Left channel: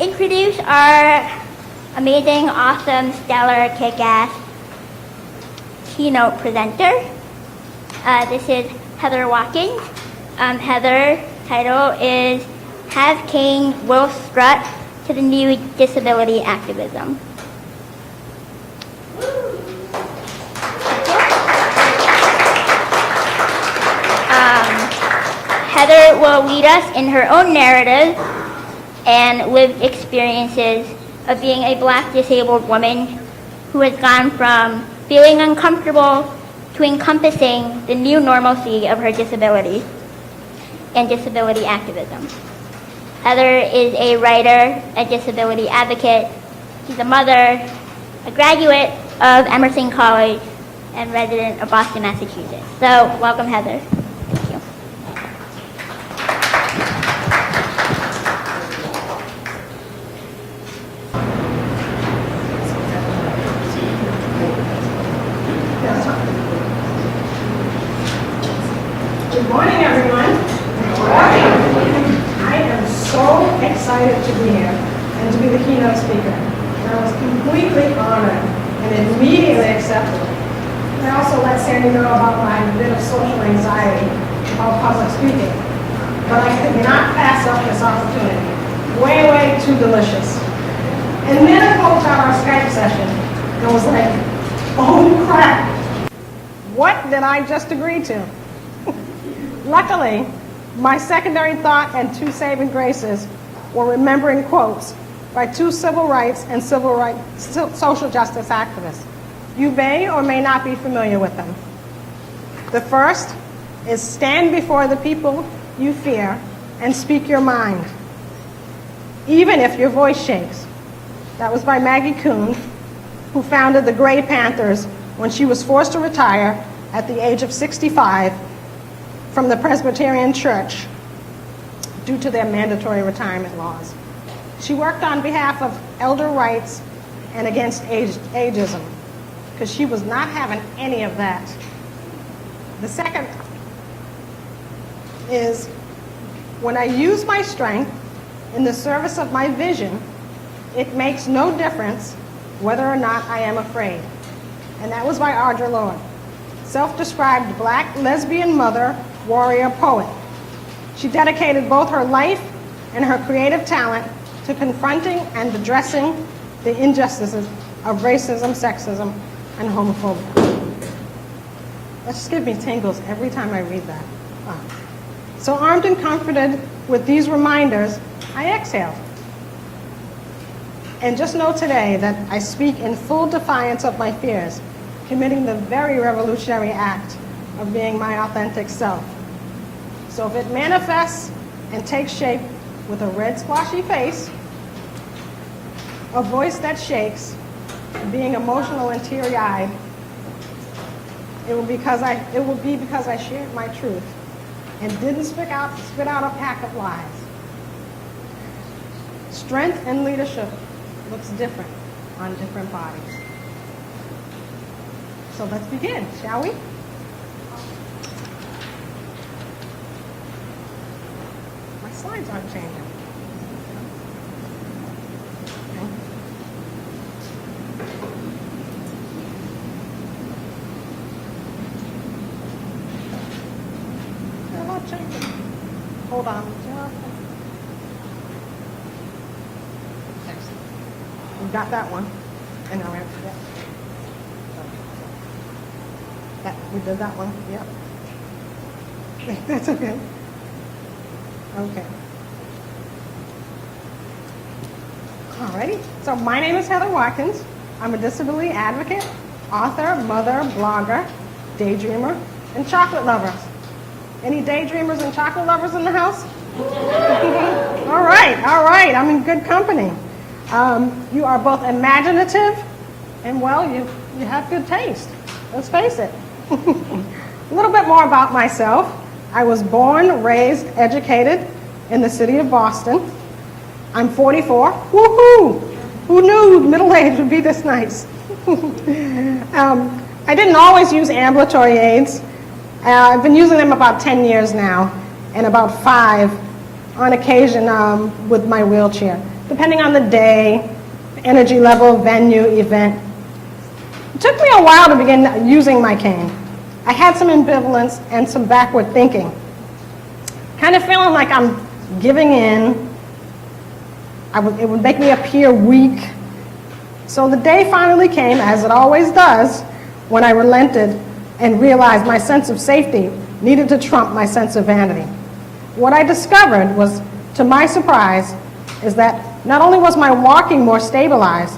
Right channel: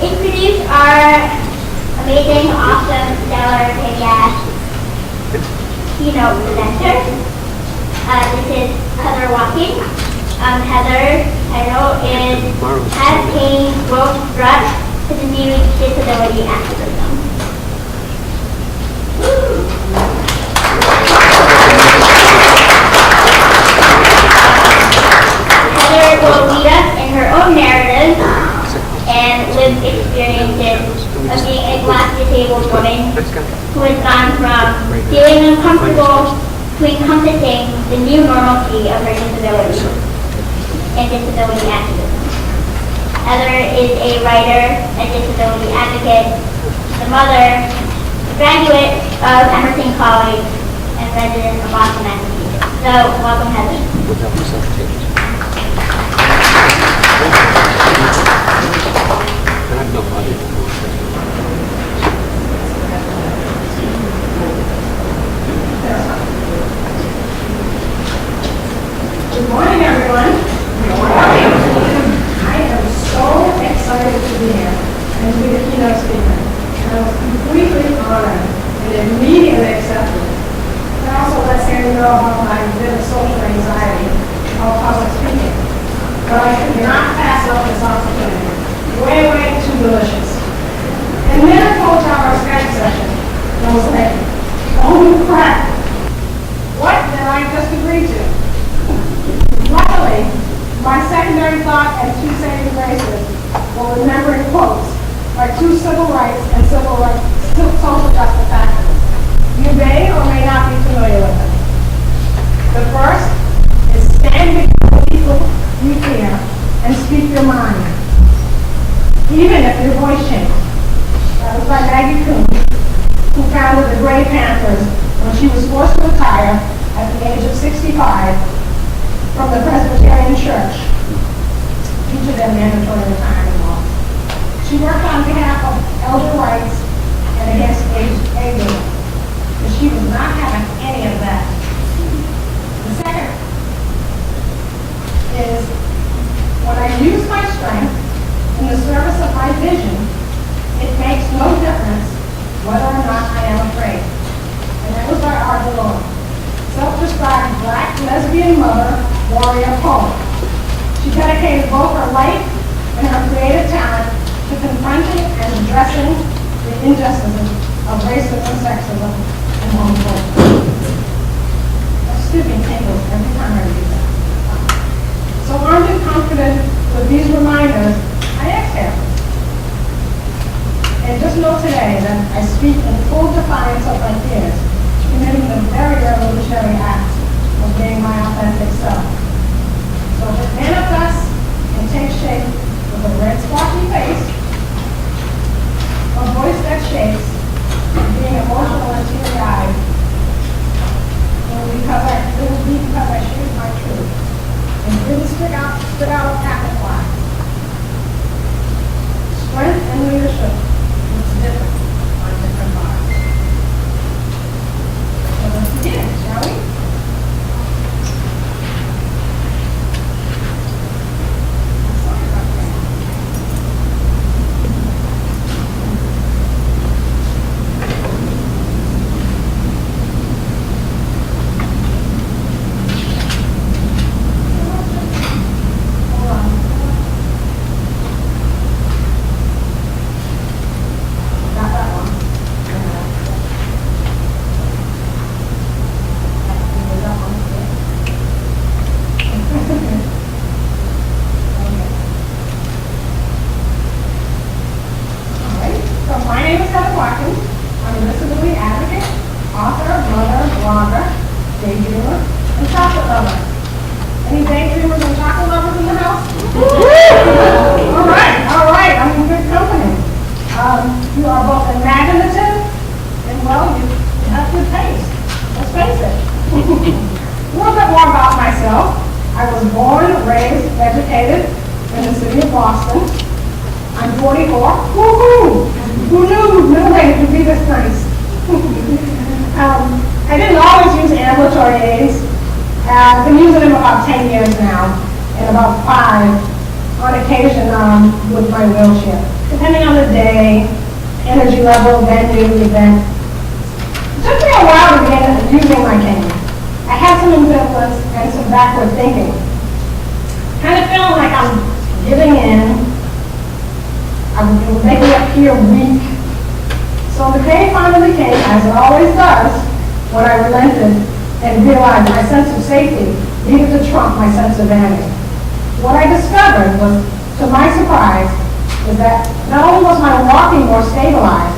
Introduce our amazing, awesome, stellar, kick-ass keynote presenter. This is Heather Watkins. Heather's title is Has Change Will Strut to the New Disability Activism. Heather will lead us in her own narrative and lived experiences of being a Black disabled woman who has gone from feeling uncomfortable to encompassing the new normalcy of her disability and disability activism. Heather is a writer, a disability advocate, the mother, a graduate of Emerson College, and resident of Boston, Massachusetts. So, welcome, Heather. Good morning, everyone. Good morning. I am so excited to be here and to be the keynote speaker. I was completely honored and immediately accepted. I also let Sandy know about my bit of social anxiety about public speaking. But I could not pass up this opportunity. Way too delicious. And then I called out our Skype session and I was like, oh crap, what did I just agree to? Luckily, my secondary thought and two saving graces were remembering quotes by two civil rights and social justice activists. You may or may not be familiar with them. The first is stand before the people you fear and speak your mind, even if your voice shakes. That was by Maggie Kuhn, who founded the Gray Panthers when she was forced to retire at the age of 65 from the Presbyterian Church due to their mandatory retirement laws. She worked on behalf of elder rights and against ageism, because she was not having any of that. The second is, when I use my strength in the service of my vision, it makes no difference whether or not I am afraid. And that was by Arden Lowe, self-described Black lesbian mother, warrior poet. She dedicated both her life and her creative talent to confronting and addressing the injustices of racism, sexism, and homophobia. Excuse me, tingles every time I read that. So armed and confident with these reminders, I exhale. And just know today that I speak in full defiance of my fears, committing the very revolutionary act of being my authentic self. So if it manifests and takes shape with a red sparky face, a voice that shakes, and being emotional and teary-eyed, it will be because I speak my truth and really spit out apple lies. Strength and leadership looks different on different bodies. So let's begin, shall we? My name is Heather Watkins. I'm a disability advocate, author, mother, blogger, daydreamer, and chocolate lover. Any daydreamers and chocolate lovers in the house? All right, I'm in good company. You are both imaginative and, well, you have good taste. Let's face it. A little bit more about myself. I was born, raised, educated in the city of Boston. I'm 44. Woohoo! Who knew middle age would be this nice? I didn't always use ambulatory aids. I've been using them about 10 years now, and about 5 on occasion with my wheelchair. depending on the day, energy level, venue, event. It took me a while to begin using my cane. I had some ambivalence and some backward thinking. Kind of feeling like I'm giving in. It would make me appear weak. So the day finally came, as it always does, when I relented and realized my sense of safety needed to trump my sense of vanity. What I discovered was, to my surprise, is that not only was my walking more stabilized,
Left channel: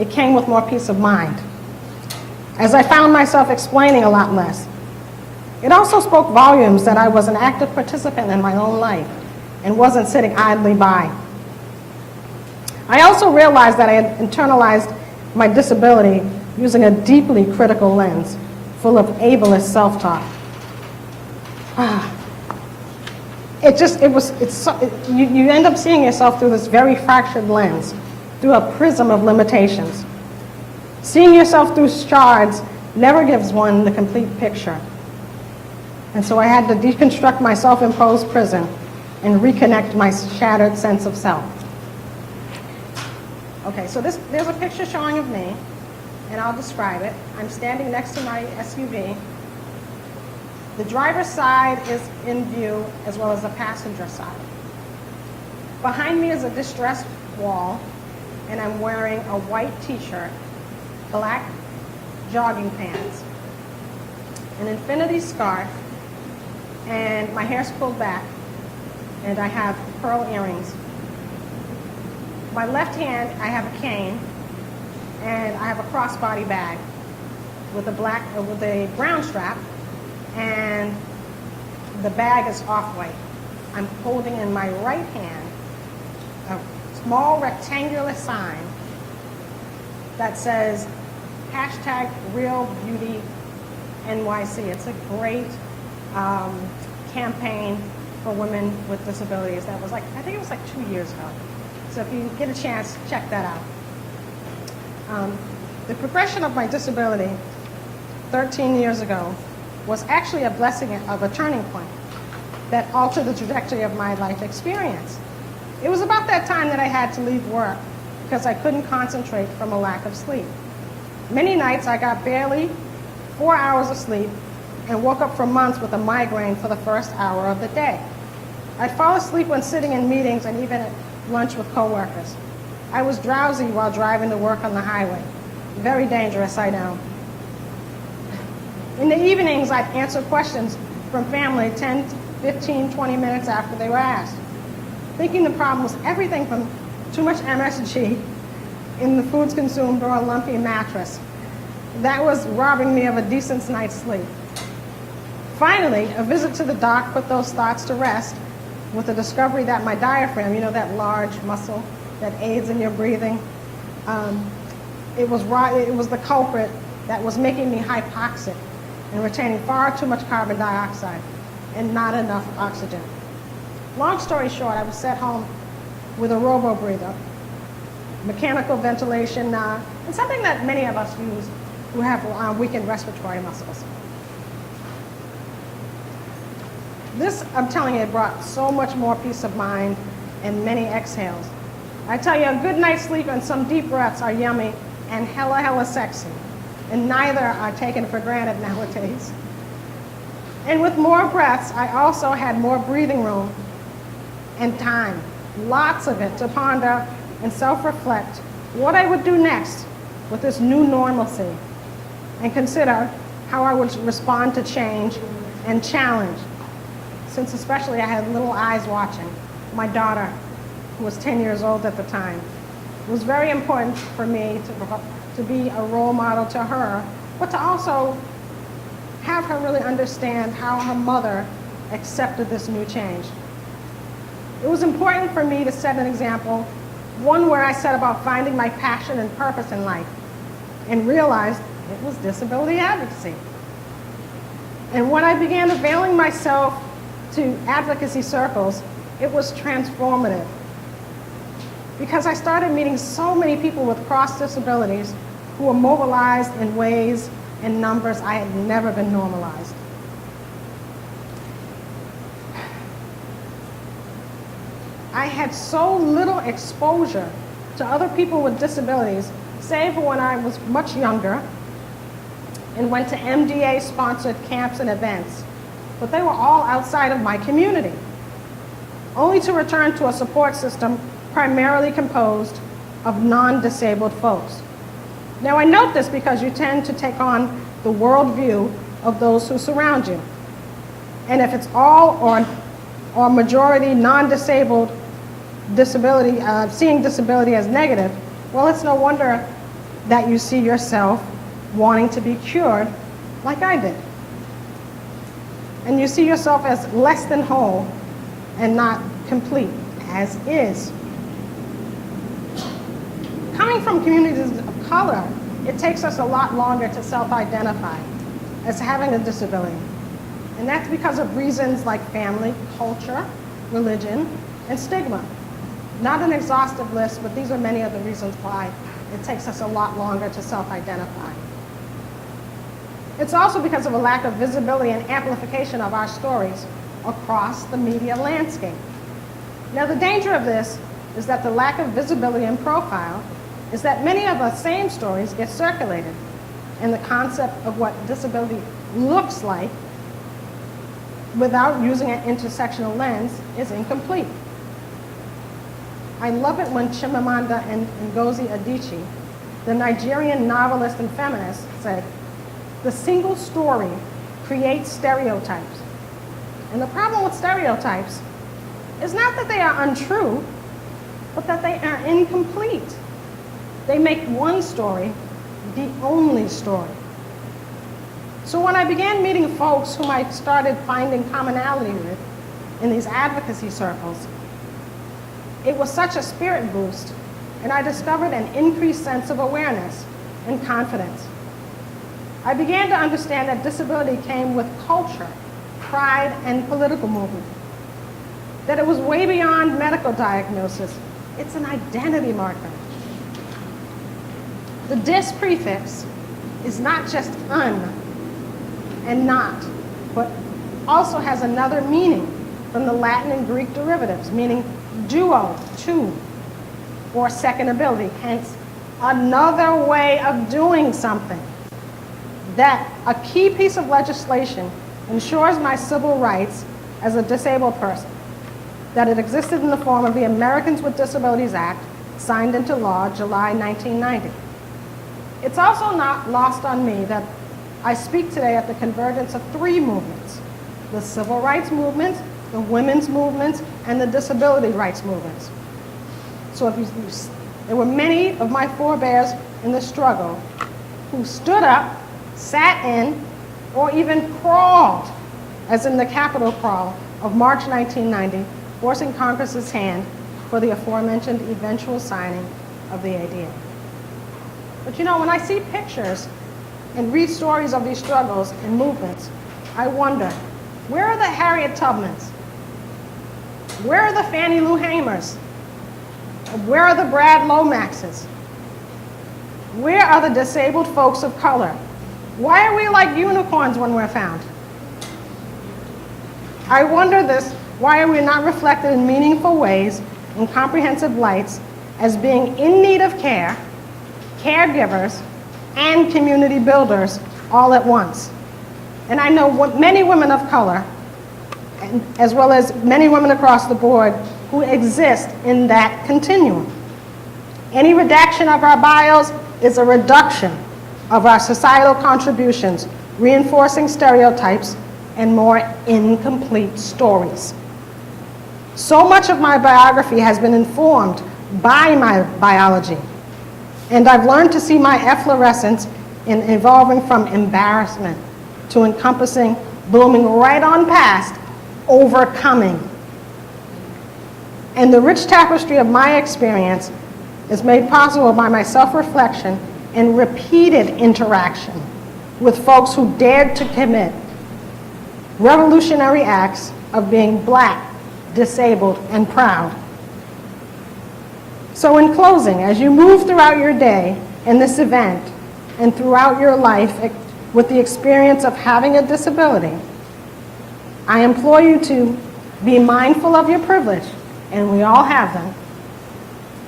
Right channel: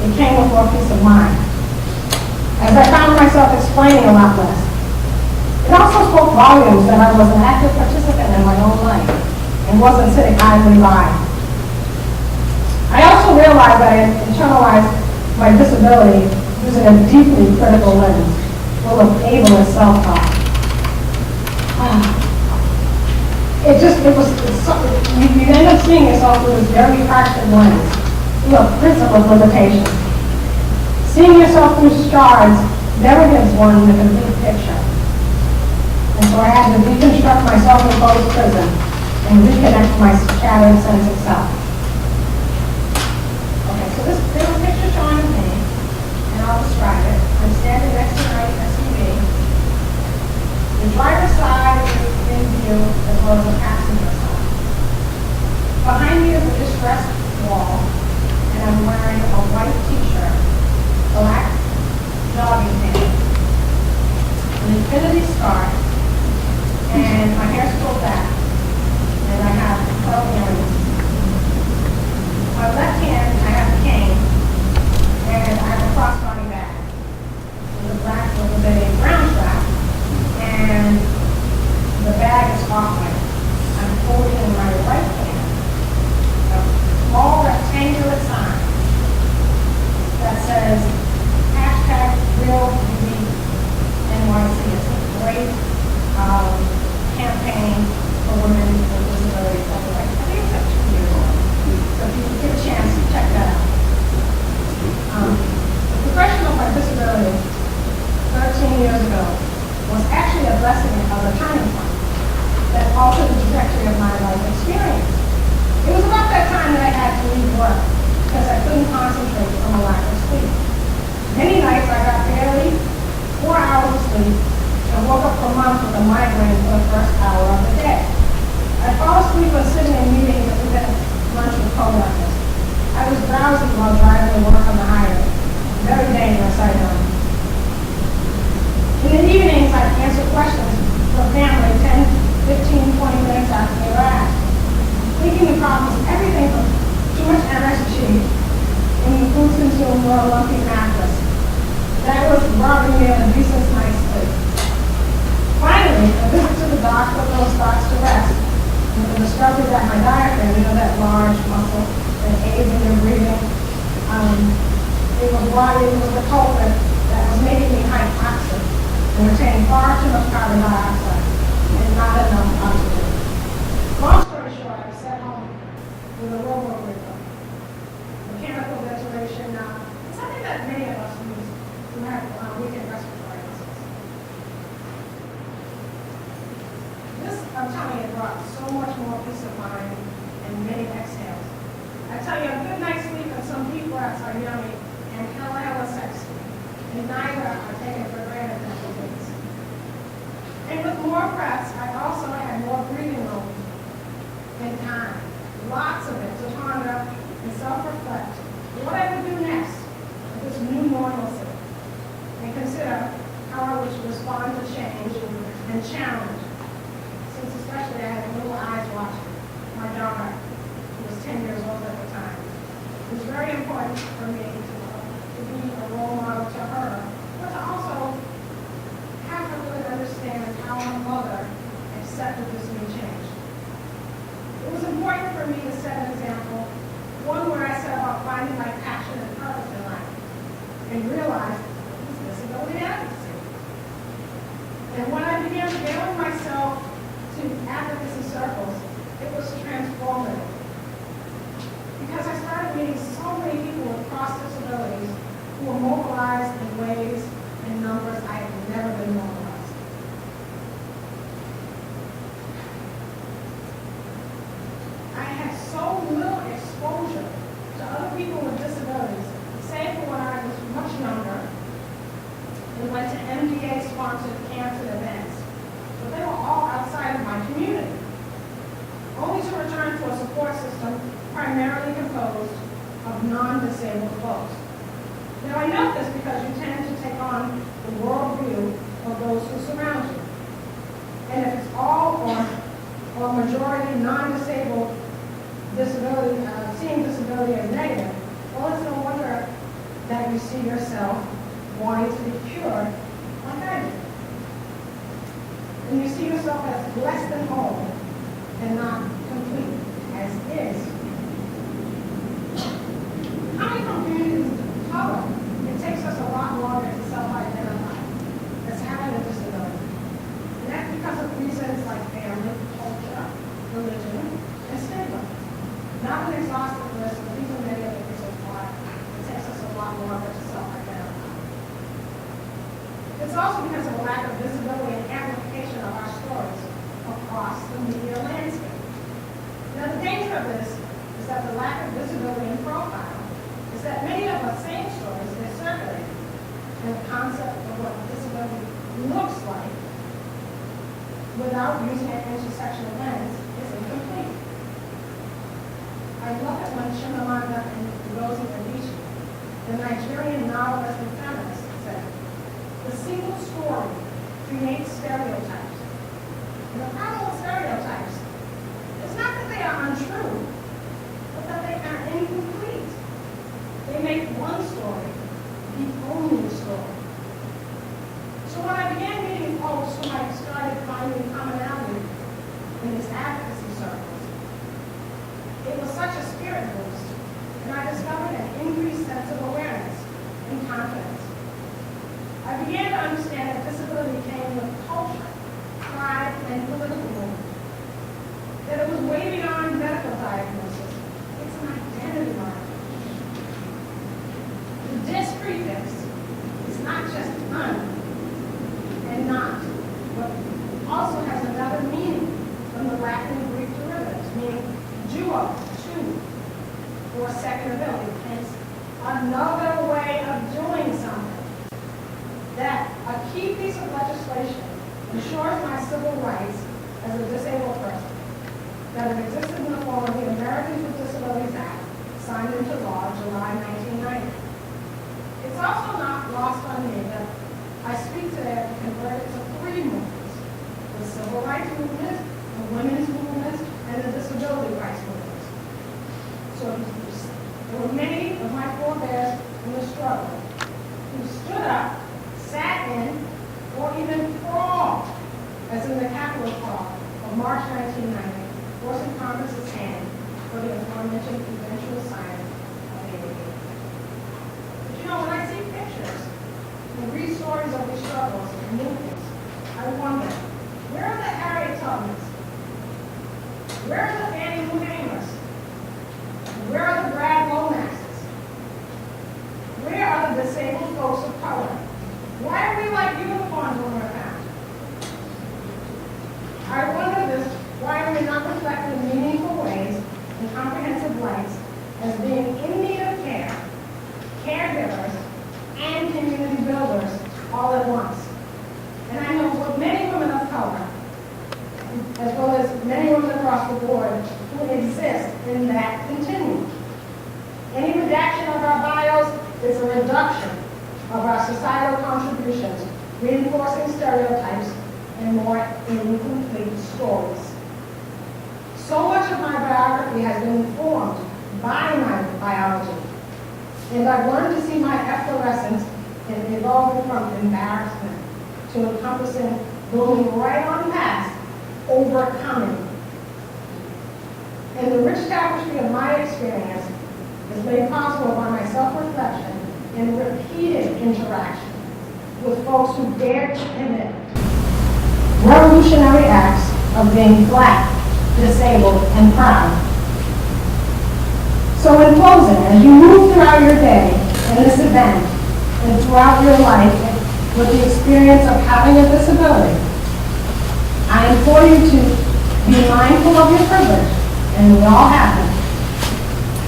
it came with more peace of mind. As I found myself explaining a lot less. It also spoke volumes that I was an active participant in my own life and wasn't sitting idly by. I also realized that I had internalized my disability using a deeply critical lens, full of ableist self-talk. You end up seeing yourself through this very fractured lens, through a prism of limitations. Seeing yourself through shards never gives one the complete picture. And so I had to deconstruct my self-imposed prison and reconnect my shattered sense of self. Okay, so there's a picture showing of me, and I'll describe it. I'm standing next to my SUV. The driver's side is in view, as well as the passenger side. Behind me is a distressed wall, and I'm wearing a white t-shirt, black jogging pants, an infinity scarf, and my hair's pulled back, and I have pearl earrings. My left hand, I have a cane, and I have a crossbody bag with a brown strap, and the bag is off-white. I'm holding in my right hand a small rectangular sign that says #RealBeautyNYC. It's a great campaign for women with disabilities. I think it's like 2 years old. So if you get a chance, check that out. The progression of my disability 13 years ago was actually a blessing of a turning point that altered the trajectory of my life experience. It was about that time that I had to leave work because I couldn't concentrate from a lack of sleep. Many nights I got barely 4 hours of sleep and woke up for months with a migraine for the first hour of the day. I'd fall asleep when sitting in meetings and even at lunch with coworkers. I was drowsy while driving to work on the highway. Very dangerous, I know. In the evenings, I'd answer questions from family 10, 15, 20 minutes after they were asked. Thinking the problem was everything from too much MSG in the foods consumed or a lumpy mattress. That was robbing me of a decent night's sleep. Finally, a visit to the doc put those thoughts to rest with the discovery that my diaphragm, that large muscle that aids in your breathing, it was the culprit that was making me hypoxic and retaining far too much carbon dioxide and not enough oxygen. Long story short, I was sent home with a robo-breather, mechanical ventilation, and something that many of us use who have weakened respiratory muscles. This, I'm telling you, it brought so much more peace of mind and many exhales. I tell you, a good night's sleep and some deep breaths are yummy and hella sexy, and neither are taken for granted nowadays. And with more breaths, I also had more breathing room and time, lots of it, to ponder and self-reflect what I would do next with this new normalcy, and consider how I would respond to change and challenge, since especially I had little eyes watching. My daughter, who was 10 years old at the time. It was very important for me to be a role model to her, but to also have her really understand how her mother accepted this new change. It was important for me to set an example, one where I set about finding my passion and purpose in life, and realized it was disability advocacy. And when I began availing myself to advocacy circles, it was transformative. Because I started meeting so many people with cross disabilities who were mobilized in ways and numbers I had never been normalized. I had so little exposure to other people with disabilities, save for when I was much younger and went to MDA-sponsored camps and events, but they were all outside of my community, only to return to a support system primarily composed of non-disabled folks. Now I note this because you tend to take on the worldview of those who surround you. And if it's all or majority non-disabled disability, seeing disability as negative, well, it's no wonder that you see yourself wanting to be cured like I did. And you see yourself as less than whole and not complete, as is. Coming from communities of color, it takes us a lot longer to self-identify as having a disability. And that's because of reasons like family, culture, religion, and stigma. Not an exhaustive list, but these are many of the reasons why it takes us a lot longer to self-identify. It's also because of a lack of visibility and amplification of our stories across the media landscape. Now, the danger of this is that the lack of visibility and profile is that many of the same stories get circulated, and the concept of what disability looks like without using an intersectional lens is incomplete. I love it when Chimamanda Ngozi Adichie, the Nigerian novelist and feminist, say, "The single story creates stereotypes." And the problem with stereotypes is not that they are untrue, but that they are incomplete. They make one story the only story. So when I began meeting folks whom I started finding commonality with in these advocacy circles, it was such a spirit boost, and I discovered an increased sense of awareness and confidence. I began to understand that disability came with culture, pride, and political movement. That it was way beyond medical diagnosis. It's an identity marker. The dis prefix is not just un and not, but also has another meaning from the Latin and Greek derivatives, meaning duo, two, or second ability, hence another way of doing something. That a key piece of legislation ensures my civil rights as a disabled person, that it existed in the form of the Americans with Disabilities Act, signed into law July 1990. It's also not lost on me that I speak today at the convergence of three movements: the civil rights movement, the women's movements, and the disability rights movements. So there were many of my forebears in the struggle who stood up, sat in, or even crawled, as in the Capitol crawl of March 1990, forcing Congress's hand for the aforementioned eventual signing of the ADA. But you know, when I see pictures and read stories of these struggles and movements, I wonder, where are the Harriet Tubmans? Where are the Fannie Lou Hamers? And where are the Brad Lomaxes? Where are the disabled folks of color? Why are we like unicorns when we're found? I wonder this, why are we not reflected in meaningful ways, in comprehensive lights, as being in need of care, caregivers, and community builders all at once? And I know many women of color, as well as many women across the board, who exist in that continuum. Any redaction of our bios is a reduction of our societal contributions, reinforcing stereotypes and more incomplete stories. So much of my biography has been informed by my biology, and I've learned to see my efflorescence in evolving from embarrassment to encompassing, blooming right on past overcoming. And the rich tapestry of my experience is made possible by my self-reflection and repeated interaction with folks who dared to commit revolutionary acts of being Black, disabled, and proud. So in closing, as you move throughout your day in this event and throughout your life with the experience of having a disability, I implore you to be mindful of your privilege and we all have them.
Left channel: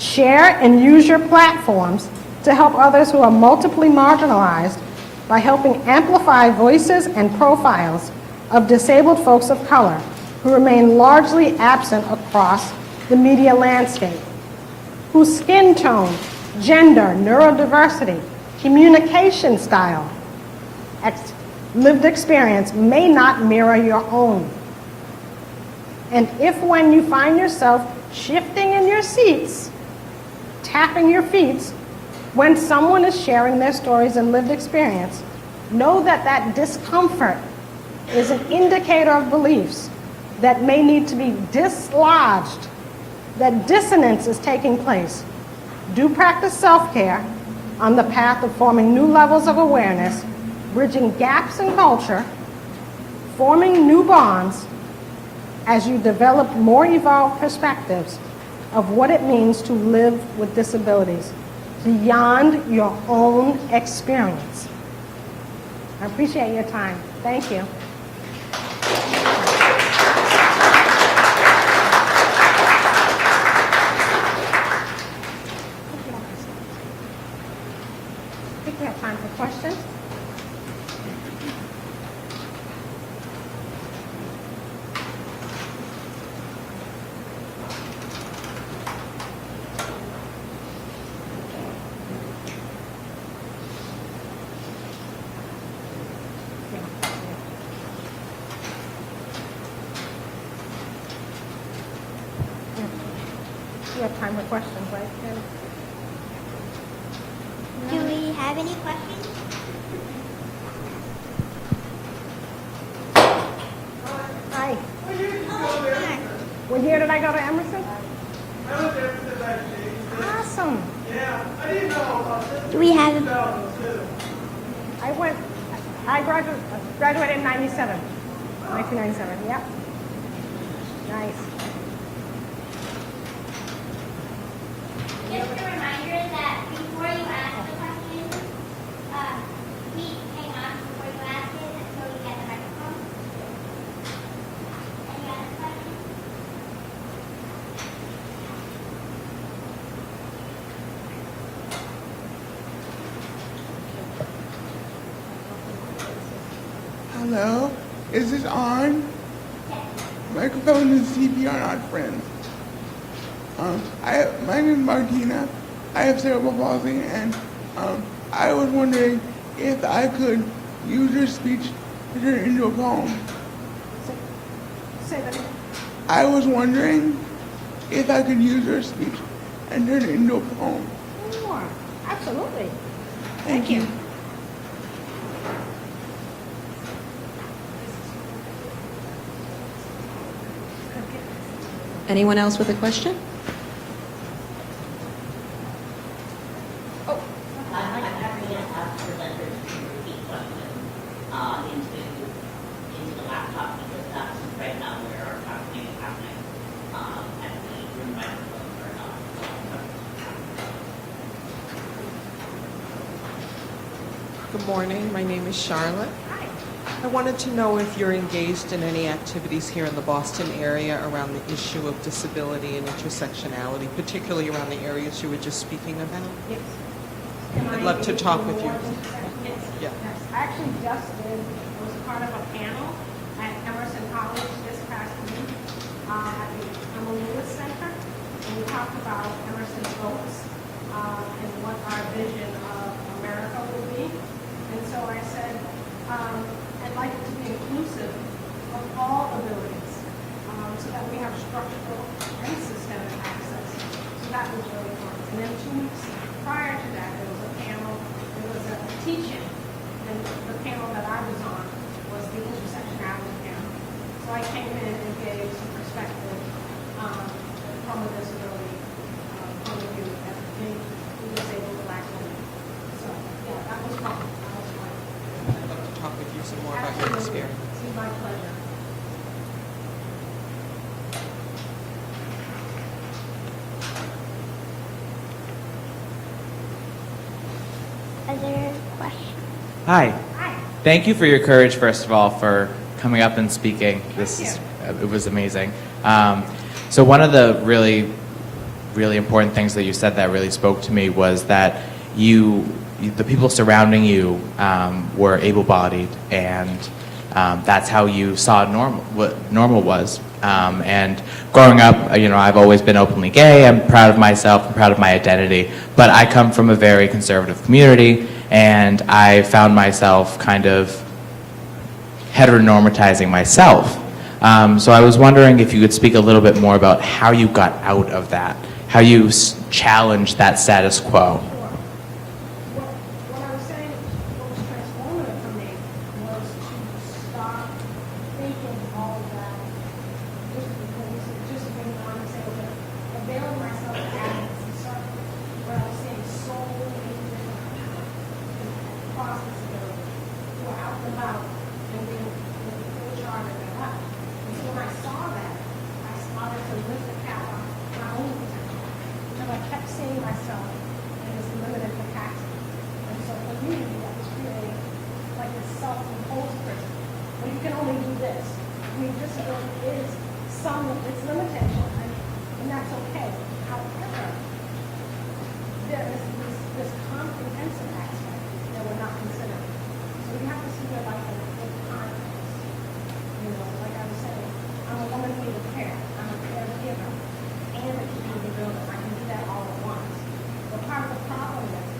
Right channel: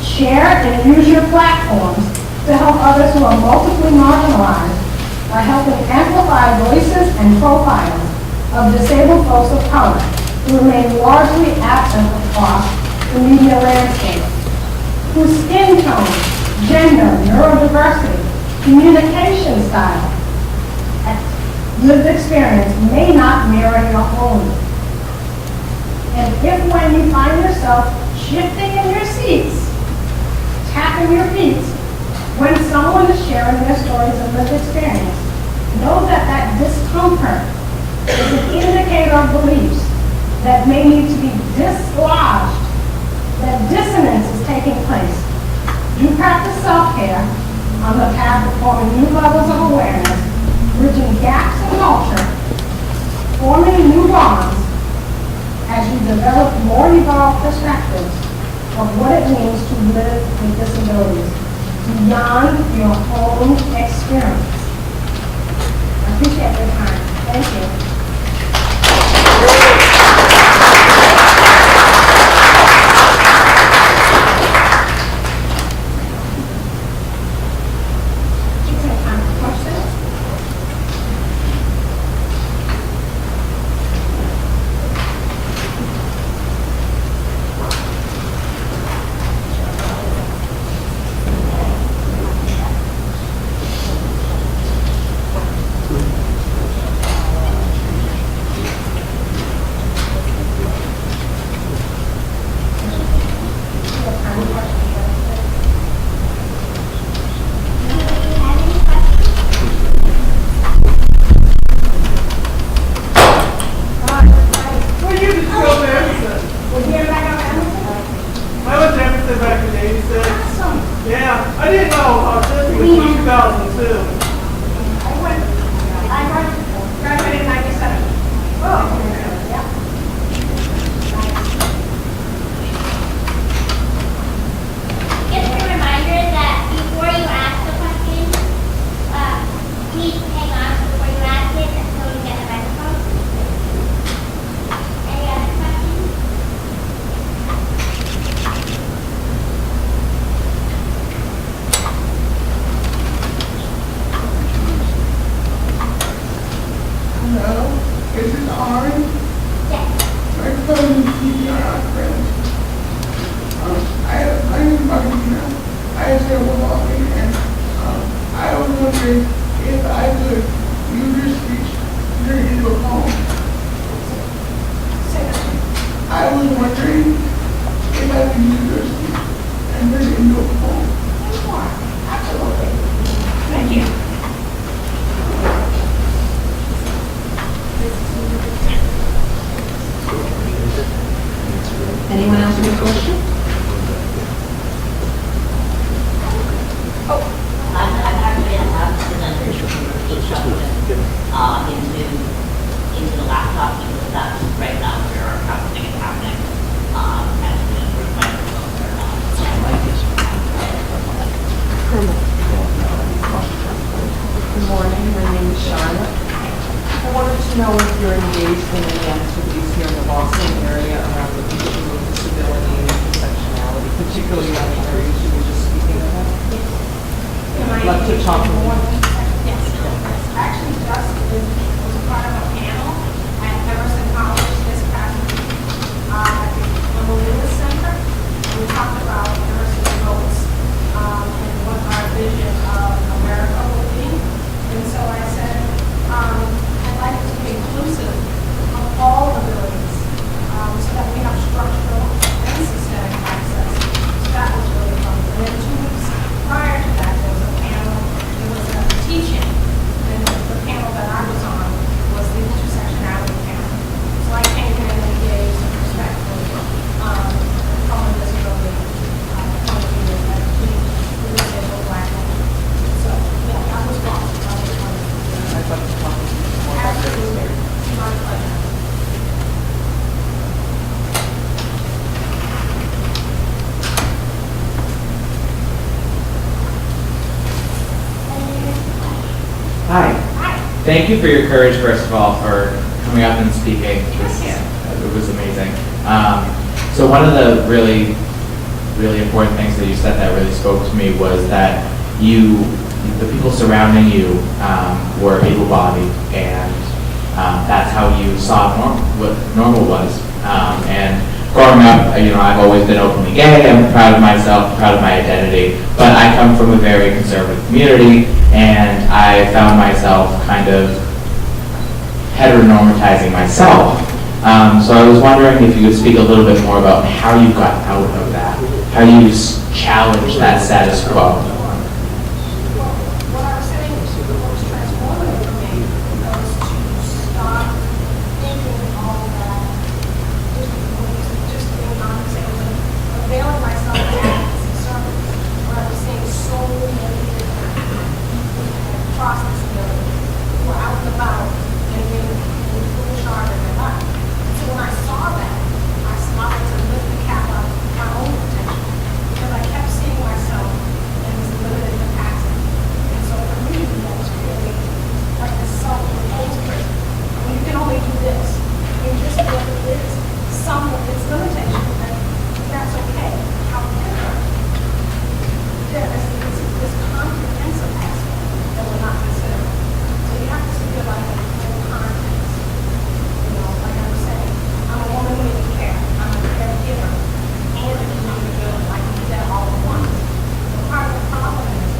Share and use your platforms to help others who are multiply marginalized by helping amplify voices and profiles of disabled folks of color who remain largely absent across the media landscape, whose skin tone, gender, neurodiversity, communication style, and lived experience may not mirror your own. And if when you find yourself shifting in your seats, tapping your feet, when someone is sharing their stories and lived experience, know that that discomfort is an indicator of beliefs that may need to be dislodged, that dissonance is taking place. Do practice self-care on the path of forming new levels of awareness, bridging gaps in culture, forming new bonds as you develop more evolved perspectives of what it means to live with disabilities beyond your own experience. I appreciate your time. Thank you. Anyone else with a question? I'm actually an accident into the laptop because that's right now where our processing is happening. And where the microphones are not. Good morning, my name is Charlotte. I wanted to know if you're engaged in any activities here in the Boston area around the issue of disability and intersectionality, particularly around the areas you were just speaking about. I'd love to talk with you. Yes. Actually, just was part of a panel at Emerson College this past week at the Memorial Center. We talked about Emerson's goals and what our vision of America will be. And so I said, I'd like it to be inclusive of all abilities so that we have structural and systemic access. So that was really fun. And then 2 weeks prior to that, there was a panel, there was a teaching, and the panel that I was on was the intersectionality panel. So I came in and gave some perspective from a disability point of view that we disabled Black people. So, yeah, that was fun. That was fun. I'd love to talk with you more about this Absolutely. experience. My pleasure. Hi. Thank you for your courage, first of all, for coming up and speaking. It was amazing. So one of the really, really important things that you said that really spoke to me was that the people surrounding you were able-bodied, and that's how you saw what normal was. And growing up, I've always been openly gay. I'm proud of myself, proud of my identity, but I come from a very conservative community, and I found myself kind of heteronormatizing myself. So I was wondering if you could speak a little bit more about how you got out of that, how you challenged that status quo. What I was saying was the most transformative for me was to stop thinking all that, just being non-disabled, availing myself of advocacy service, where I was seeing so many different across disability who were out and about and in full charge of their life. And so when I saw that, I started to lift the cap up my own potential, because I kept seeing myself in this limited capacity. And so for me, that was creating like this self-imposed prison. I mean, you can only do this. I mean, just what it is, some of its limitation, and that's okay. However, there is this comprehensive aspect that we're not considering. So you have to see it like a full context. Like I was saying, I'm a woman who needs care. I'm a caregiver and a community builder. I can do that all at once. But part of the problem is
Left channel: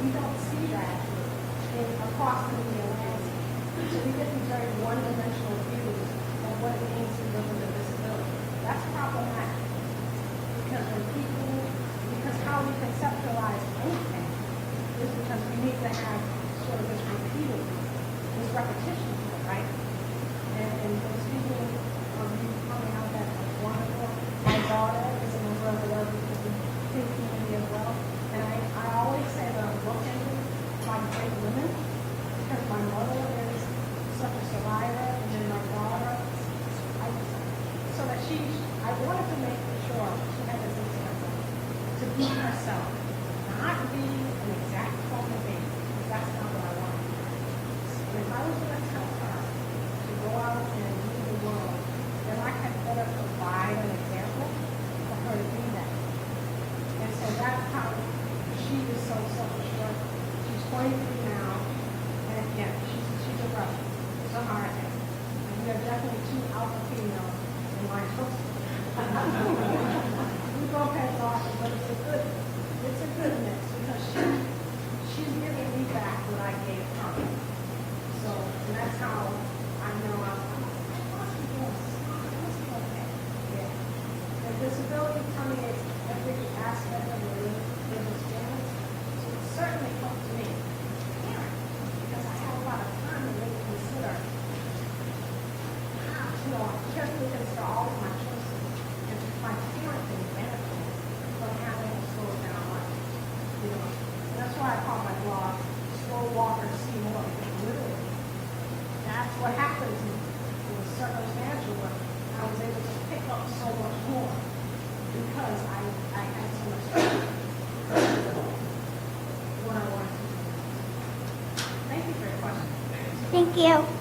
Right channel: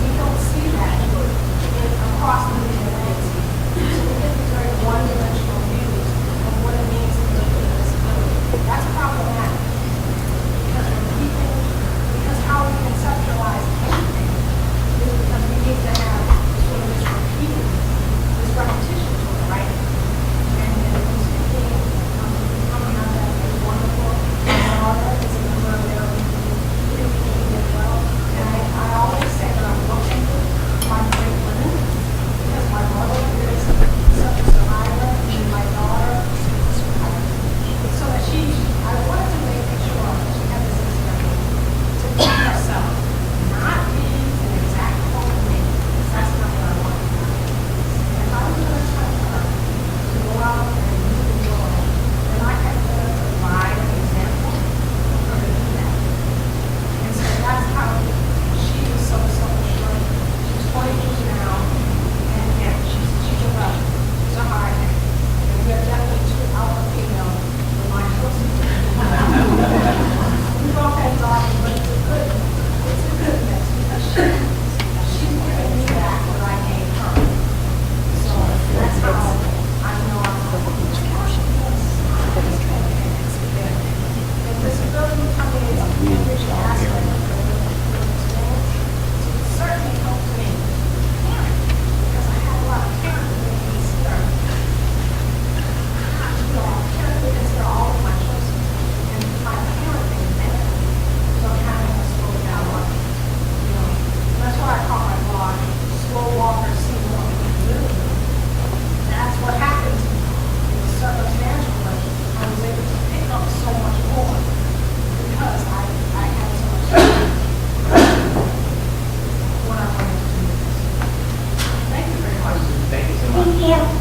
we don't see that across the media landscape. So we get these very one-dimensional views of what it means to live with a disability. That's problematic. Because how we conceptualize anything is because we need to have sort of this repeated, this repetition to it, right? And it was speaking, coming out that is wonderful. My daughter is a member of their community as well. And I always say that I'm looking for my great women, because my mother is such a survivor, and my daughter, so that I wanted to make sure that she had this experience to be herself, not be an exact clone of me, because that's not what I want. And if I was going to tell her to go out and do the world, then I had to provide an example of her to do that. And so that's how she was so self-assured. She's 22 now, and she's a rebel. She's a hard head. And we are definitely two alpha females in my house. We've all had daughters, but it's a good mix, because she's giving me back what I gave her. So that's how I know I'm and disability permeates every aspect of the living experience. So it certainly helped me parent, because I had a lot of parents that made me consider, parents would consider all of my choices, and my parenting benefit from having to slow down life. And that's why I call my blog Slow Walker, See What We Can Live With. That's what happened to me. It was circumstantial, but I was able to pick up so much more because I had so much when I wanted to do this. Thank you very much. Thank you so much. Thank you.